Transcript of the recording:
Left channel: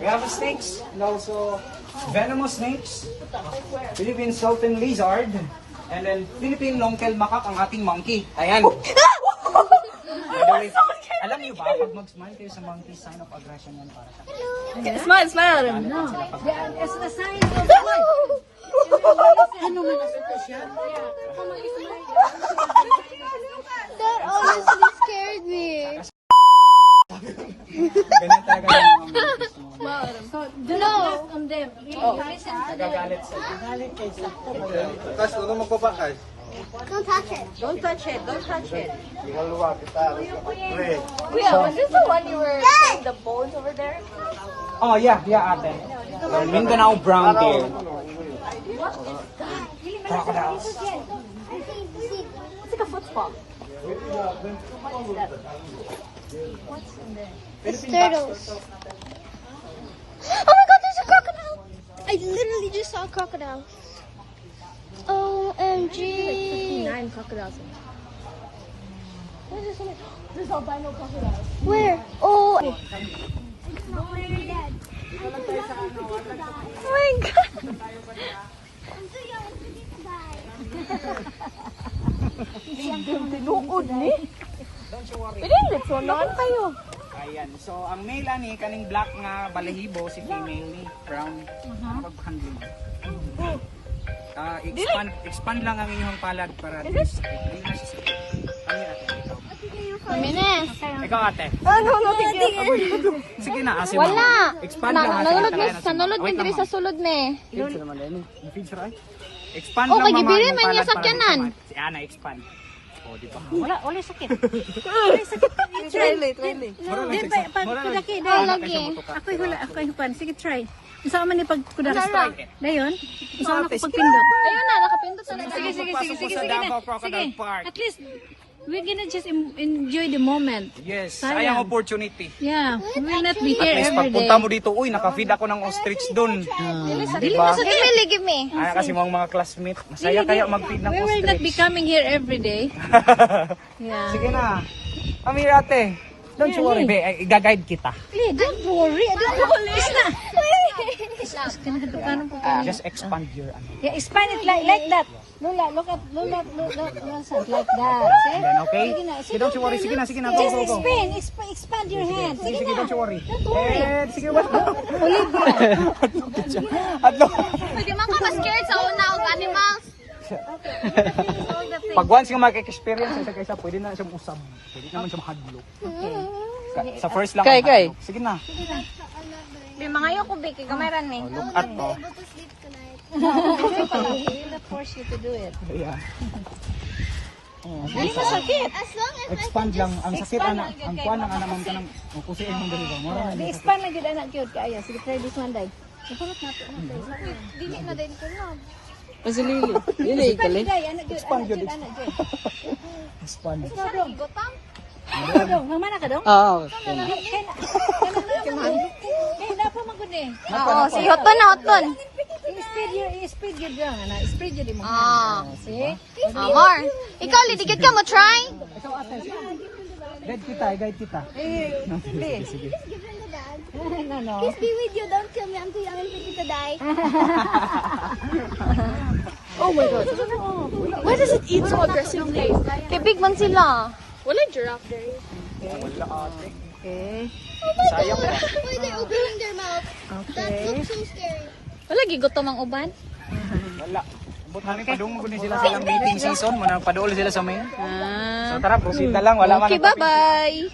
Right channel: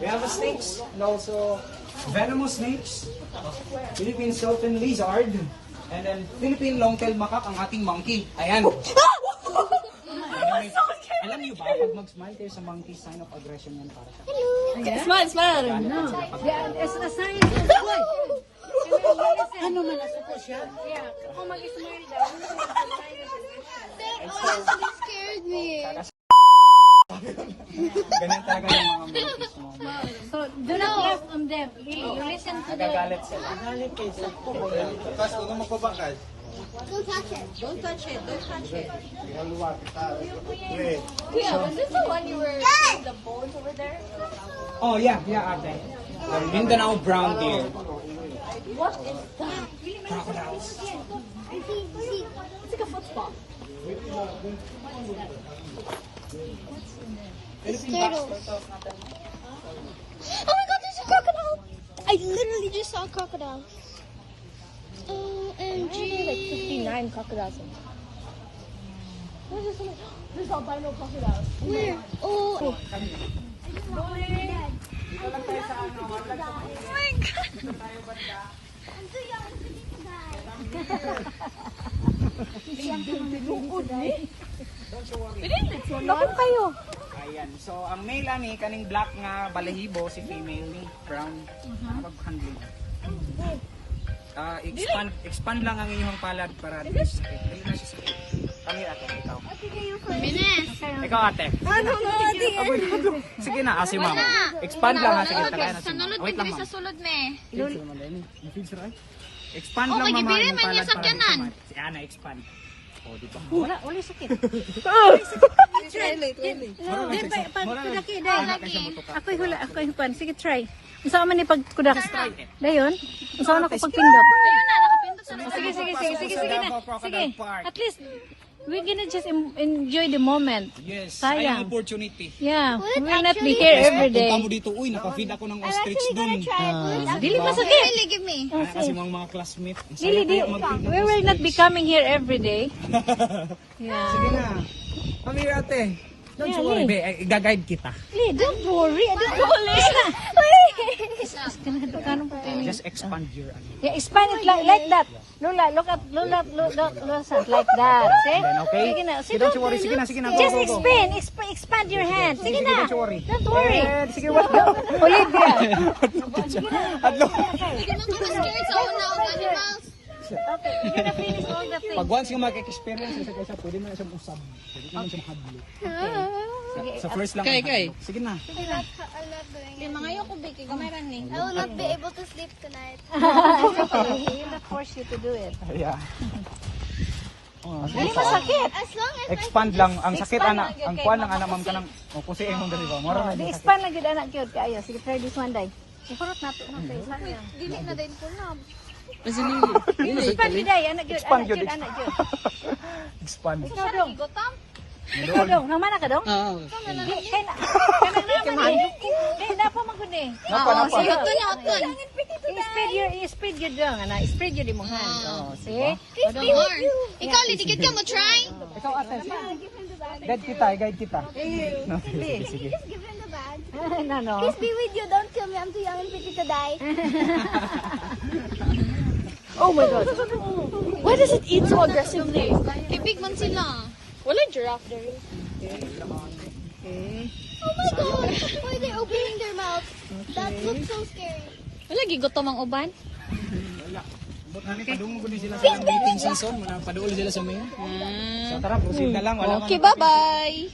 We have snakes and also venomous snakes, Philippine Sultan lizard, and then Philippine long-tailed macaque ang ating monkey. Ayan. Alam niyo ba, pag mag-smile kayo sa monkey, sign of aggression yan para sa Smile, smile. No. It's a sign of what? Ano man ito siya? Kung mag-smile That honestly scared me. ganyan talaga yung monkeys mo. So, do not laugh on them. Listen to them. Nagagalit sila. Kas, huwag magpapa, Kas. Don't touch it. Don't touch it. Don't touch it. Maluwa kita. Wait. Yeah, was this the one you were the bones over there? Oh, yeah, ate. The Mindanao brown deer. Crocodiles. It's like a football. It's turtles. Oh my god, there's a crocodile! I literally just saw a crocodile. OMG. Like 59 crocodiles. There's albino crocodiles. Where? Oh. Oh my god. I'm too young to die. Hindi, sunod kayo. Ayan. So, ang male ani, kaning black nga balahibo, si female ni brown. Pag-handling. Expand lang ang inyong palad para at least sakit. Dali na siya sakit. Kami ate, ikaw. Minis. Ikaw ate. Ano? Sige na, asi mo. Expand lang ate. Nanulod din diri sa sulod me. Expand Oh, lang kay mama gibiri yung man niya palad sa para tiyanan. Si Ana, expand. O, di ba? Wala sakit. Try. Mura lang siya. Mura lang. Kudaki, Ana, dahil kaysa butuka. Ako'y hula, ako'y hupan. Sige, try. Saan man ni pagkudak? Try. Dayon? Saan ako pagpindot? Ayun na, nakapindot sa Sige na. Davao Sige. Crocodile Park. At least, we're gonna just enjoy the moment. Yes, Sayang. sayang opportunity. Yeah, we will not be here every day. Pagpunta mo dito, uy, nakafeed ako ng ostrich dun. Dili Diba? Sige, give me. Kasi mga classmates, masaya kaya mag-feed ng We will not be ostrich. coming here every day. Yeah. Sige na. Kami ate. Don't you worry, be. I-guide kita. Don't worry. Don't worry. Just expand your ano. Yeah, expand it like that. Lola, look like that. See? And then, okay? Sige na, Sige, don't you worry. Sige na, go, Just go, go. expand your hand. Sige, Sige na. don't you worry. Don't worry. Sige, what? Adlo. Hindi man ka scared sa una og animals. Finish all the things. Pag once yung mag-experience sa kaysa, pwede na siyang usab. Pwede naman siyang hadlok. Sa first lang. Kay. Sige na. Di mga yo ko biki gamaran me. I will not be able to sleep tonight. We will not force you to do it. Yeah. Dili masakit. As long as Expand lang. Ang sakit, ana. Ang kuwan ng ana, ma'am ka ng kusi mong dali ba? Mura na Di din. expand lang gid anak cute kaayo. Sige, try this one day. Isurot nato. dili na din ko na. Expand day, anak cute. Expand yun. Anak cute. Expand. Siya ra gigotam. Dong, naman na ka dong? Oo. Kana naman eh. Na pa magud eh. Oo, si hoton na hoton. I-speed you dong, ana. Speed you di mo. See? Amor. Ikaw litigit ka mo try. Ikaw ate. Guide kita. Sige. No. Be with you, don't kill me. I'm too young and pretty to die. Oh my god. Why does it eat so aggressively? Kay big man sila. Wala giraffe there. Wala ate. Sayang. Why they're opening their mouth? That looks so scary. Wala gigutom ang uban. Wala. Buti padung mo sila silang meeting season, muna paduol sila sa main. So tara, proceed na lang, wala man. Okay, bye-bye.